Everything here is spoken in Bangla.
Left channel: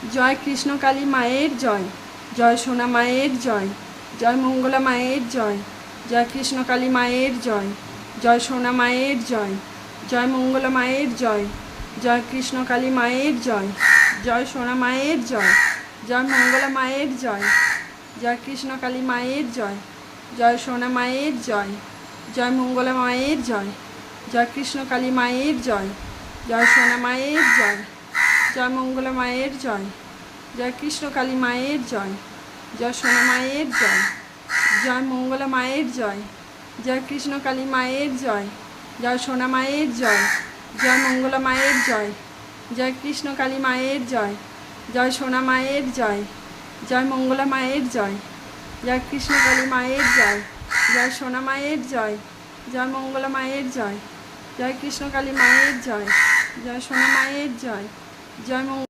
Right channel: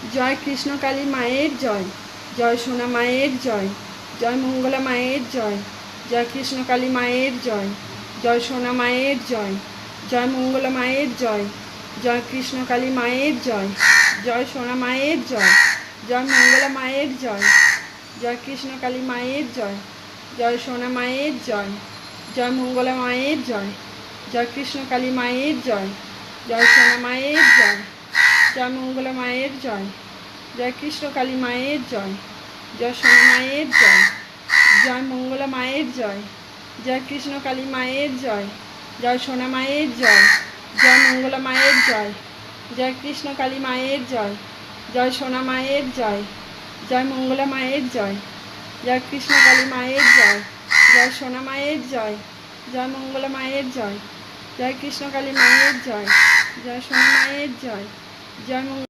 জয় কৃষ্ণকালী মায়ের জয়, জয় সোনা মায়ের জয়, জয় মঙ্গলা মায়ের জয়, জয় কৃষ্ণকালী মায়ের জয়, জয় সোনা মায়ের জয়, জয় মঙ্গলা মায়ের জয়, জয় কৃষ্ণকালী মায়ের জয়, জয় সোনা মায়ের জয়, জয় মঙ্গলা মায়ের জয়, জয় কৃষ্ণকালী মায়ের জয়, জয় সোনা মায়ের জয়, জয় মঙ্গলা মায়ের জয়, জয় কৃষ্ণকালী মায়ের জয়, জয় সোনা মায়ের জয়, জয় মঙ্গলা মায়ের জয়, জয় কৃষ্ণকালী মায়ের জয়, জয় সোনা মায়ের জয়, জয় মঙ্গলা মায়ের জয়, জয় কৃষ্ণকালী মায়ের জয়, জয় সোনা মায়ের জয়, জয় মঙ্গলা মায়ের জয়, জয় কৃষ্ণকালী মায়ের জয়, জয় সোনা মায়ের জয়, জয় মঙ্গলা মায়ের জয়, জয় কৃষ্ণকালী মায়ের জয়, জয় সোনা মায়ের জয়, জয় মঙ্গলা মায়ের জয়, জয় কৃষ্ণকালী মায়ের জয়, জয় সোনা মায়ের জয়, জয়